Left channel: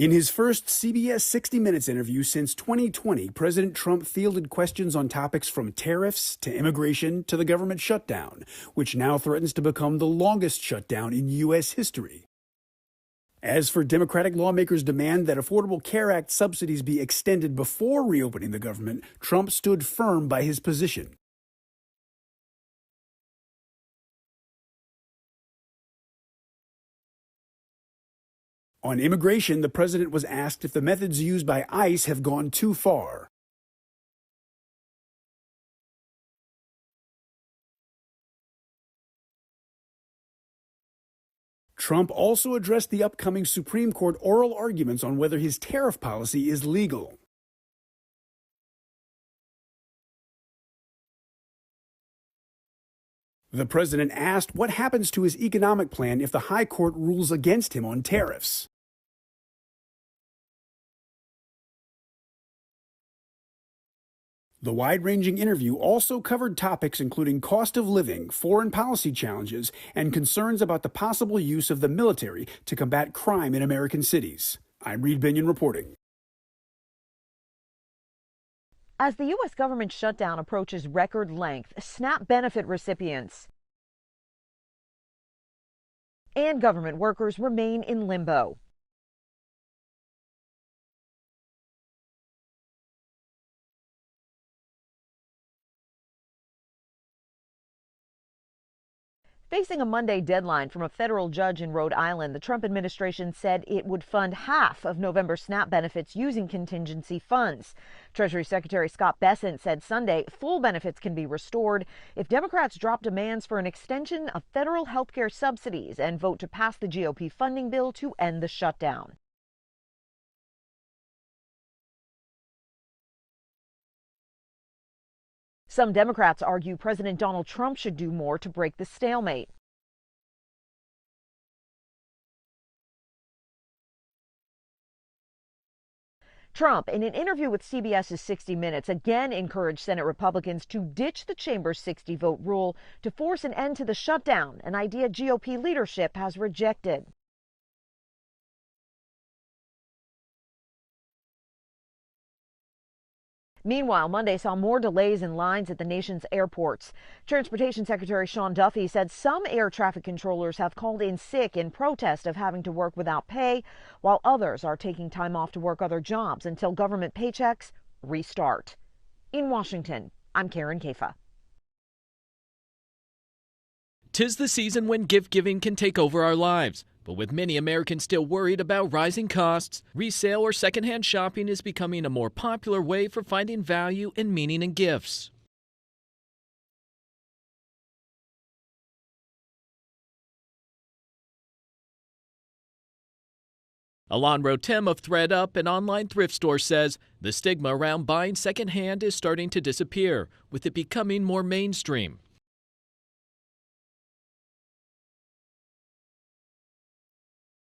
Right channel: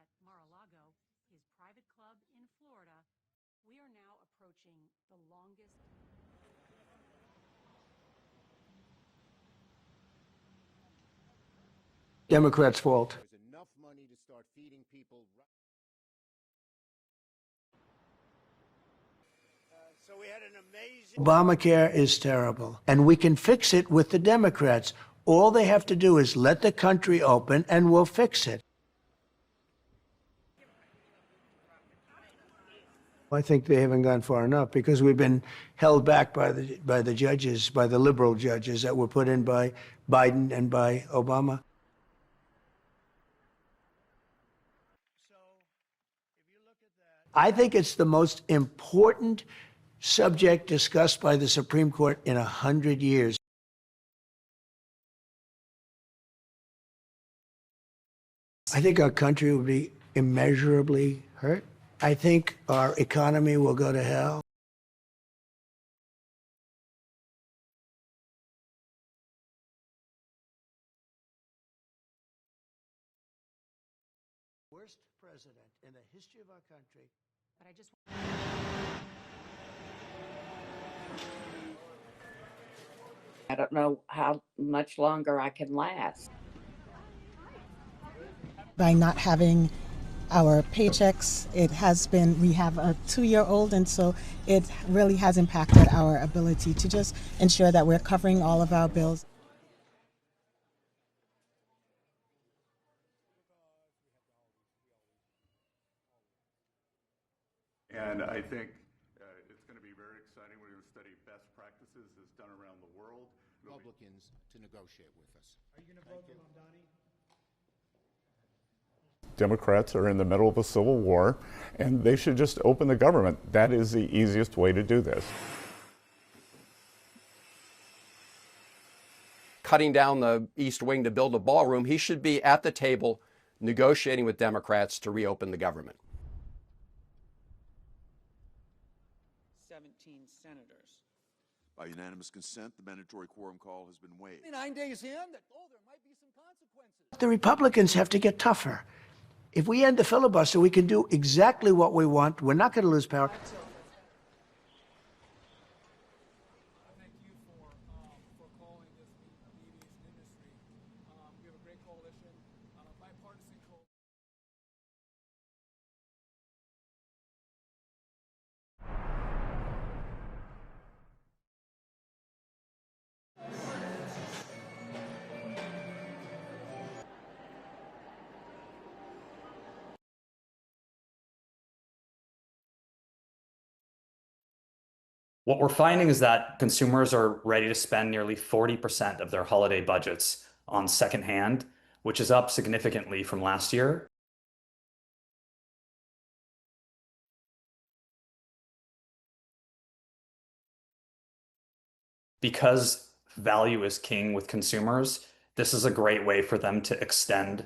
In his first CBS 60 Minutes interview since 2020, President Trump fielded questions on topics from tariffs to immigration to the government shutdown, which now threatens to become the longest shutdown in U.S. history. Democrats' fault. As for Democratic lawmakers' demand that Affordable Care Act subsidies be extended before reopening the government, Trump stood firm by his position. Obamacare is terrible, and we can fix it with the Democrats. All they have to do is let the country open, and we'll fix it. On immigration, the president was asked if the methods used by ICE have gone too far. I think they haven't gone far enough because we've been held back by the judges, by the liberal judges that were put in by Biden and by Obama. Trump also addressed the upcoming Supreme Court oral arguments on whether his tariff policy is legal. I think it's the most important subject discussed by the Supreme Court in 100 years. The president asked what happens to his economic plan if the high court rules against him on tariffs. I think our country will be immeasurably hurt. I think our economy will go to hell. The wide-ranging interview also covered topics including cost of living, foreign policy challenges, and concerns about the possible use of the military to combat crime in American cities. I'm Reed Binion reporting. As the U.S. government shutdown approaches record length, SNAP benefit recipients, I don't know how much longer I can last, and government workers remain in limbo. By not having our paychecks, we have a 2-year-old, and so it really has impacted our ability to just ensure that we're covering all of our bills. Facing a Monday deadline from a federal judge in Rhode Island, the Trump administration said it would fund half of November SNAP benefits using contingency funds. Treasury Secretary Scott Bessent said Sunday full benefits can be restored if Democrats drop demands for an extension of federal health care subsidies and vote to pass the GOP funding bill to end the shutdown. Democrats are in the middle of a civil war, and they should just open the government. That is the easiest way to do this. Some Democrats argue President Donald Trump should do more to break the stalemate. Cutting down the East Wing to build a ballroom, he should be at the table negotiating with Democrats to reopen the government. Trump, in an interview with CBS's 60 Minutes, again encouraged Senate Republicans to ditch the chamber's 60-vote rule to force an end to the shutdown, an idea GOP leadership has rejected. The Republicans have to get tougher. If we end the filibuster, we can do exactly what we want. We're not going to lose power. Meanwhile, Monday saw more delays in lines at the nation's airports. Transportation Secretary Sean Duffy said some air traffic controllers have called in sick in protest of having to work without pay, while others are taking time off to work other jobs until government paychecks restart. In Washington, I'm Karen Kafa. 'Tis the season when gift giving can take over our lives. But with many Americans still worried about rising costs, resale or secondhand shopping is becoming a more popular way for finding value and meaning in gifts. What we're finding is that consumers are ready to spend nearly 40% of their holiday budgets on secondhand, which is up significantly from last year. Alon Rotem of ThreadUp, an online thrift store, says the stigma around buying secondhand is starting to disappear, with it becoming more mainstream. Because value is king with consumers, this is a great way for them to extend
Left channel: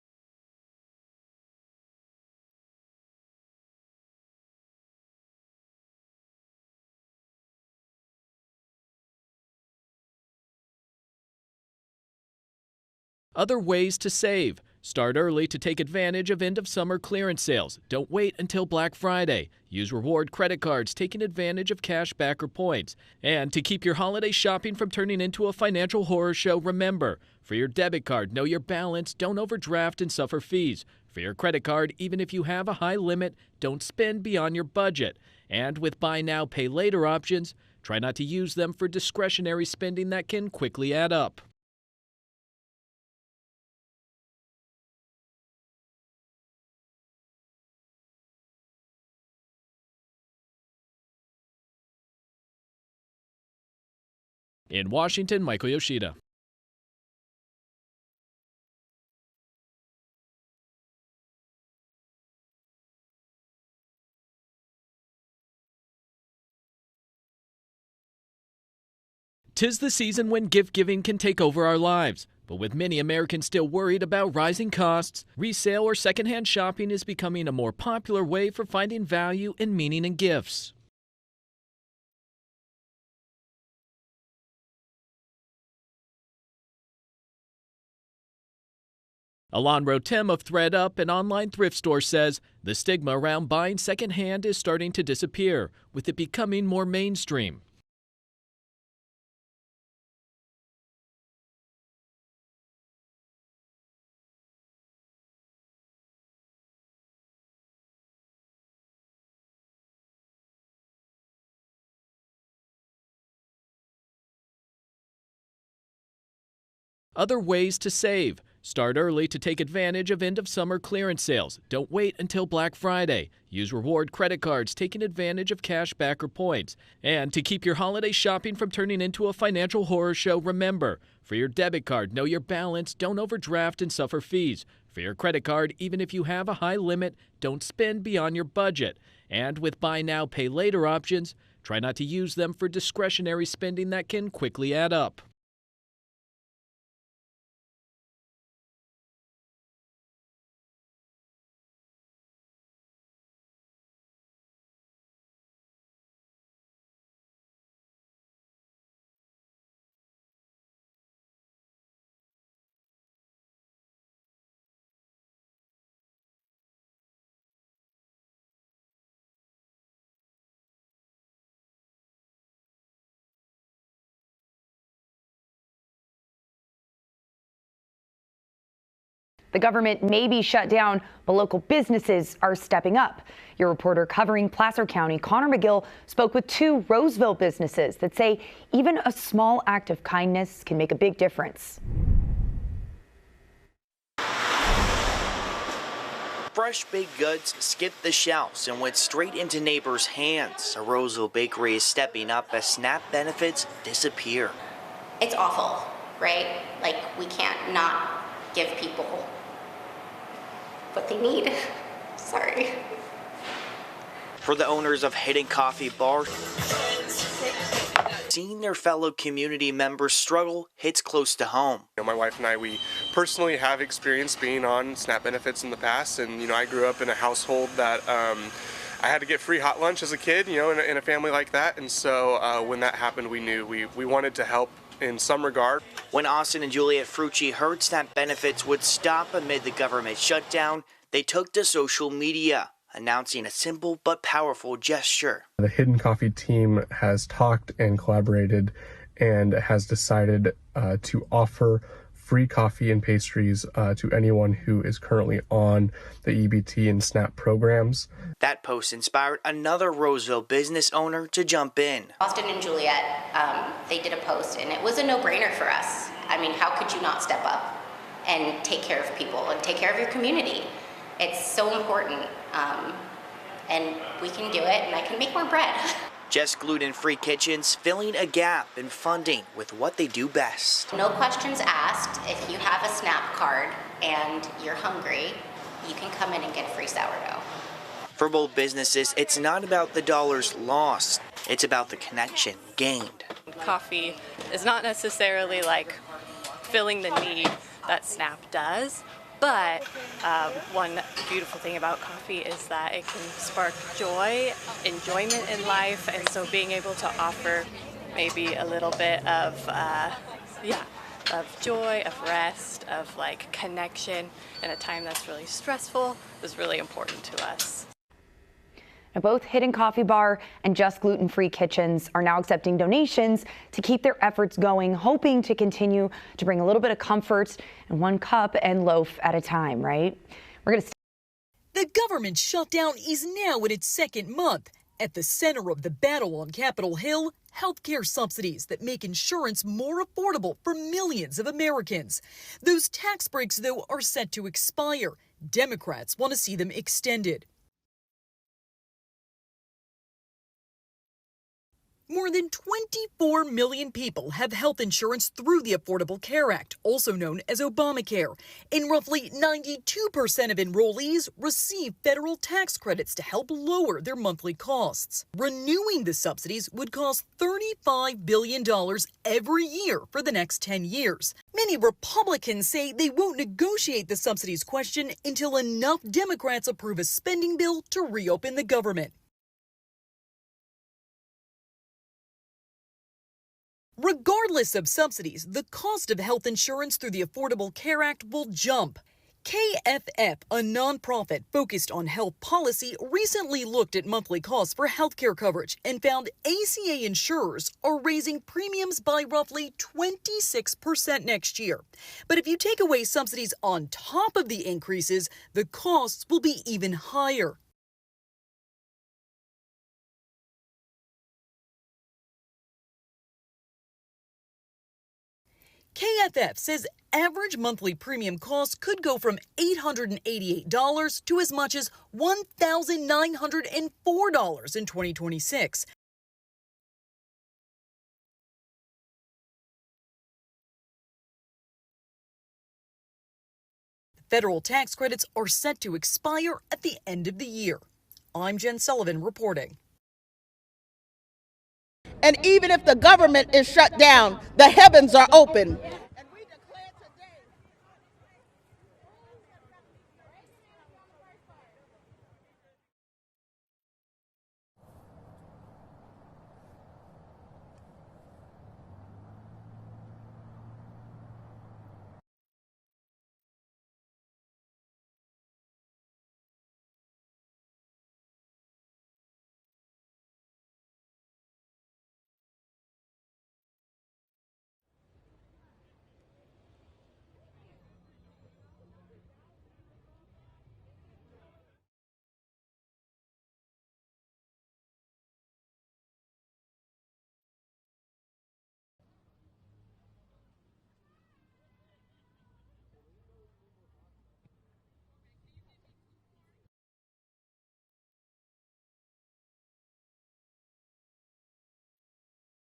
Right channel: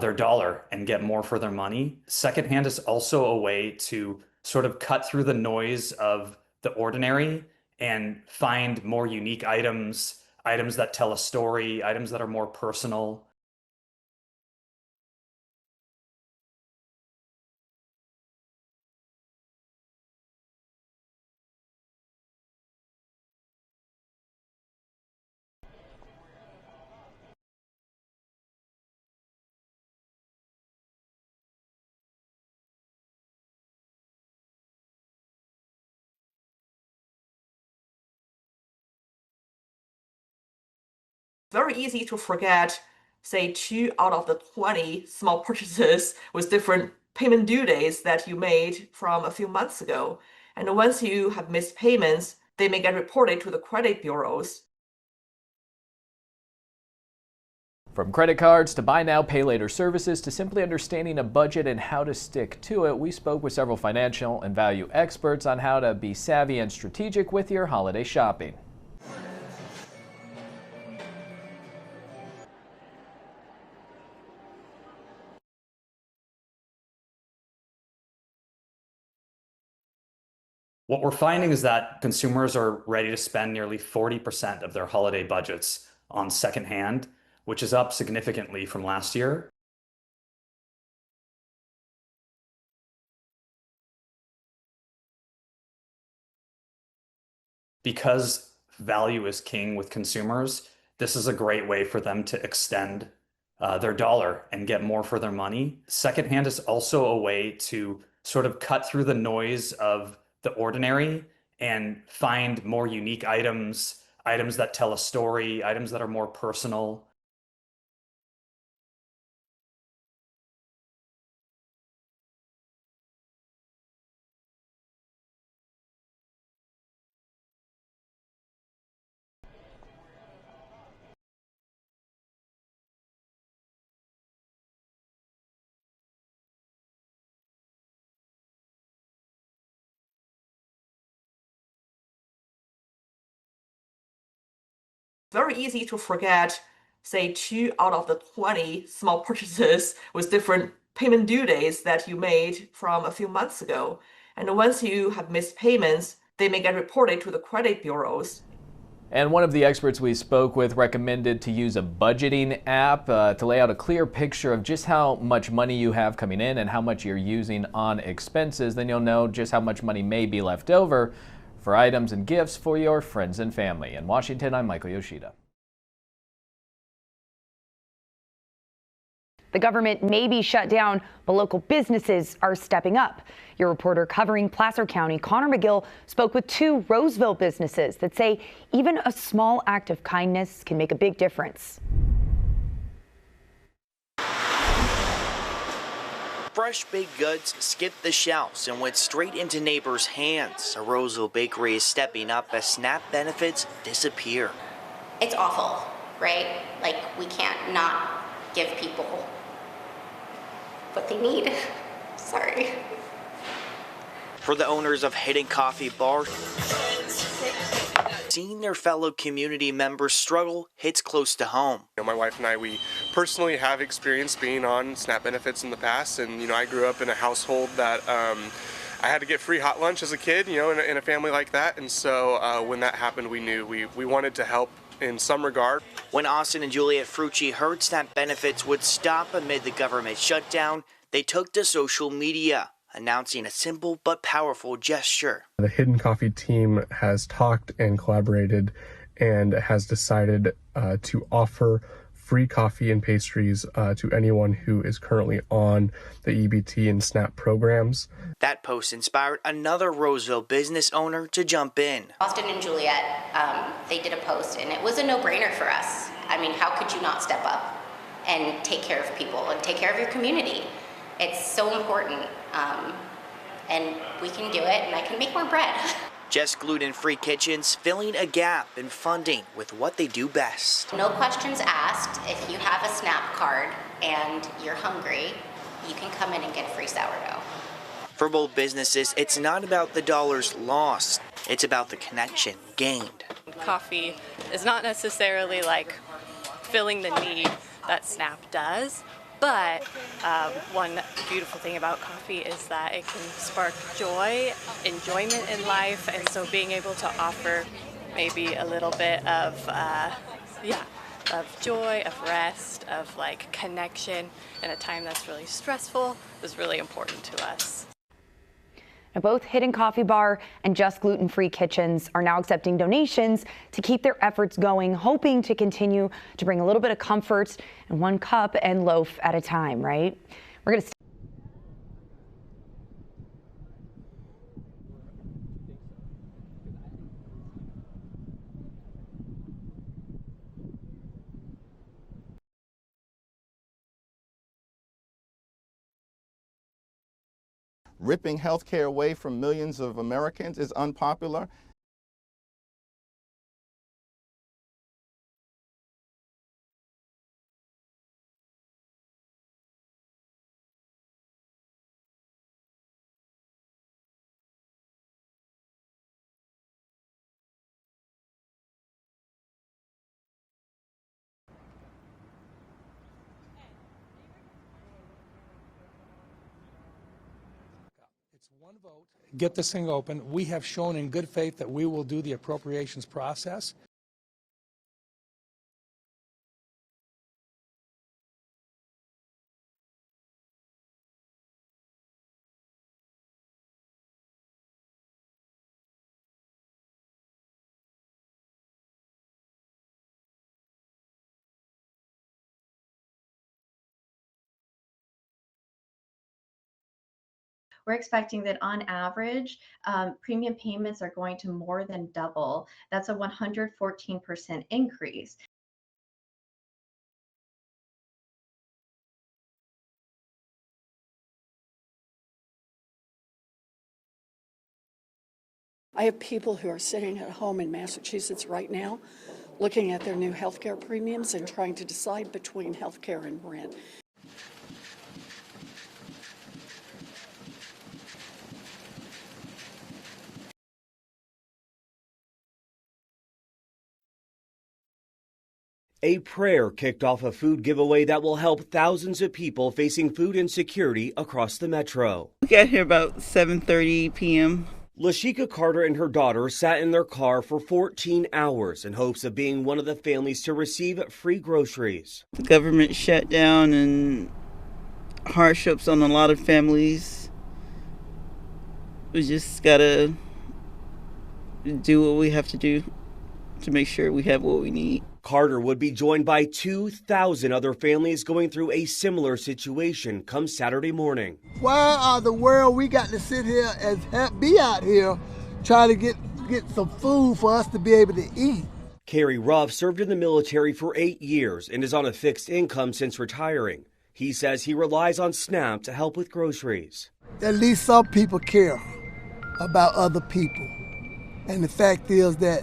their dollar and get more for their money. Secondhand is also a way to sort of cut through the noise of the ordinary and find more unique items that tell a story, items that are more personal. Other ways to save. Start early to take advantage of end-of-summer clearance sales. Don't wait until Black Friday. Use reward credit cards, taking advantage of cash back or points. And to keep your holiday shopping from turning into a financial horror show, remember, for your debit card, know your balance, don't overdraft and suffer fees. For your credit card, even if you have a high limit, don't spend beyond your budget. And with buy now, pay later options, try not to use them for discretionary spending that can quickly add up. Very easy to forget, say 2 out of the 20 small purchases with different payment due dates that you made from a few months ago. And once you have missed payments, they may get reported to the credit bureaus. In Washington, Michael Yoshida. From credit cards to buy now, pay later services to simply understanding a budget and how to stick to it, we spoke with several financial and value experts on how to be savvy and strategic with your holiday shopping. 'Tis the season when gift giving can take over our lives. But with many Americans still worried about rising costs, resale or secondhand shopping is becoming a more popular way for finding value and meaning in gifts. What we're finding is that consumers are ready to spend nearly 40% of their holiday budgets on secondhand, which is up significantly from last year. Alon Rotem of ThreadUp, an online thrift store, says the stigma around buying secondhand is starting to disappear, with it becoming more mainstream. Because value is king with consumers, this is a great way for them to extend their dollar and get more for their money. Secondhand is also a way to sort of cut through the noise of the ordinary and find more unique items, items that tell a story, items that are more personal. Other ways to save. Start early to take advantage of end-of-summer clearance sales. Don't wait until Black Friday. Use reward credit cards, taking advantage of cash back or points. And to keep your holiday shopping from turning into a financial horror show, remember, for your debit card, know your balance, don't overdraft and suffer fees. For your credit card, even if you have a high limit, don't spend beyond your budget. And with buy now, pay later options, try not to use them for discretionary spending that can quickly add up. Very easy to forget, say, 2 out of the 20 small purchases with different payment due dates that you made from a few months ago. And once you have missed payments, they may get reported to the credit bureaus. And one of the experts we spoke with recommended to use a budgeting app to lay out a clear picture of just how much money you have coming in and how much you're using on expenses. Then you'll know just how much money may be left over for items and gifts for your friends and family. In Washington, I'm Michael Yoshida. The government may be shut down, but local businesses are stepping up. Your reporter covering Placer County, Connor McGill, spoke with 2 Roseville businesses that say even a small act of kindness can make a big difference. Fresh baked goods skipped the shelves and went straight into neighbors' hands. A Roseville bakery is stepping up as SNAP benefits disappear. It's awful, right? Like, we can't not give people what they need. Sorry. For the owners of Hidden Coffee Bar, seeing their fellow community members struggle hits close to home. My wife and I, we personally have experience being on SNAP benefits in the past, and I grew up in a household that I had to get free hot lunch as a kid, in a family like that, and so when that happened, we knew we wanted to help in some regard. When Austin and Juliet Frucci heard SNAP benefits would stop amid the government shutdown, they took to social media, announcing a simple but powerful gesture. The Hidden Coffee team has talked and collaborated and has decided to offer free coffee and pastries to anyone who is currently on the EBT and SNAP programs. That post inspired another Roseville business owner to jump in. Austin and Juliet, they did a post, and it was a no-brainer for us. I mean, how could you not step up and take care of people and take care of your community? It's so important, and we can do it, and I can make more bread. Just gluten-free kitchens filling a gap in funding with what they do best. No questions asked. If you have a SNAP card and you're hungry, you can come in and get free sourdough. For both businesses, it's not about the dollars lost. It's about the connection gained. Coffee is not necessarily like filling the need that SNAP does, but one beautiful thing about coffee is that it can spark joy, enjoyment in life, and so being able to offer maybe a little bit of joy, of rest, of like connection in a time that's really stressful is really important to us. Now, both Hidden Coffee Bar and Just Gluten-Free Kitchens are now accepting donations to keep their efforts going, hoping to continue to bring a little bit of comfort in one cup and loaf at a time, right? We're going to. The government shutdown is now in its 2nd month. At the center of the battle on Capitol Hill, healthcare subsidies that make insurance more affordable for millions of Americans. Those tax breaks, though, are set to expire. Democrats want to see them extended. Ripping health care away from millions of Americans is unpopular. More than 24 million people have health insurance through the Affordable Care Act, also known as Obamacare, and roughly 92% of enrollees receive federal tax credits to help lower their monthly costs. Renewing the subsidies would cost $35 billion every year for the next 10 years. Many Republicans say they won't negotiate the subsidies question until enough Democrats approve a spending bill to reopen the government. get this thing open. We have shown in good faith that we will do the appropriations process. Regardless of subsidies, the cost of health insurance through the Affordable Care Act will jump. KFF, a nonprofit focused on health policy, recently looked at monthly costs for healthcare coverage and found ACA insurers are raising premiums by roughly 26% next year. But if you take away subsidies on top of the increases, the costs will be even higher. We're expecting that on average, premium payments are going to more than double. That's a 114% increase. KFF says average monthly premium costs could go from $888 to as much as $1,904 in 2026. I have people who are sitting at home in Massachusetts right now looking at their new health care premiums and trying to decide between health care and rent. Federal tax credits are set to expire at the end of the year. I'm Jen Sullivan reporting. And even if the government is shut down, the heavens are open. A prayer kicked off a food giveaway that will help thousands of people facing food insecurity across the metro. We got here about 7:30 p.m. Lashika Carter and her daughter sat in their car for 14 hours in hopes of being one of the families to receive free groceries. The government shut down and hardships on a lot of families. We just gotta do what we have to do to make sure we have what we need. Carter would be joined by 2,000 other families going through a similar situation come Saturday morning. Why are the world we got to sit here and be out here trying to get some food for us to be able to eat? Kerry Ruff served in the military for 8 years and is on a fixed income since retiring. He says he relies on SNAP to help with groceries. At least some people care about other people. And the fact is that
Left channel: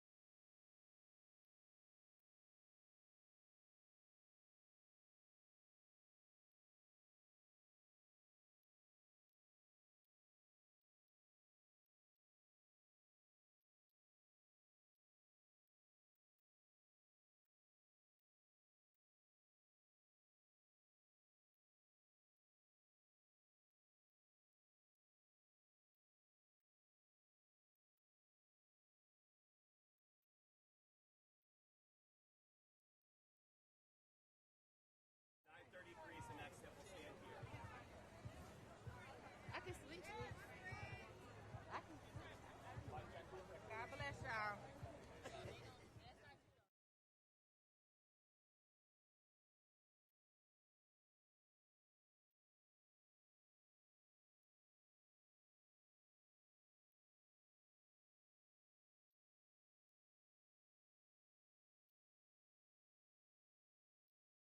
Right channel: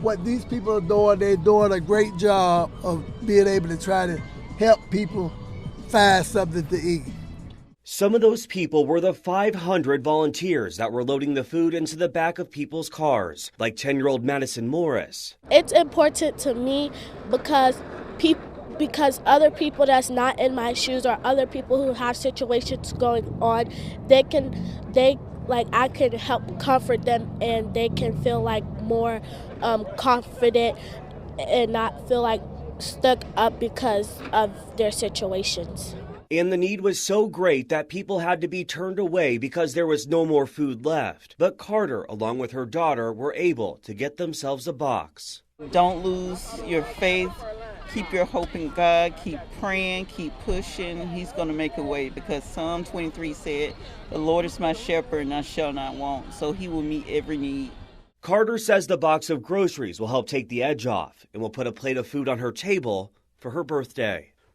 what these people are doing, they're doing a great job of being able to try to help people find something to eat. Some of those people were the 500 volunteers that were loading the food into the back of people's cars, like 10-year-old Madison Morris. It's important to me because other people that's not in my shoes or other people who have situations going on, I can help comfort them and they can feel like more confident and not feel like stuck up because of their situations. And the need was so great that people had to be turned away because there was no more food left. But Carter, along with her daughter, were able to get themselves a box. Don't lose your faith. Keep your hope in God. Keep praying. Keep pushing. He's going to make a way because Psalm 23 said, "The Lord is my shepherd and I shall not want." So he will meet every need. Carter says the box of groceries will help take the edge off and will put a plate of food on her table for her birthday.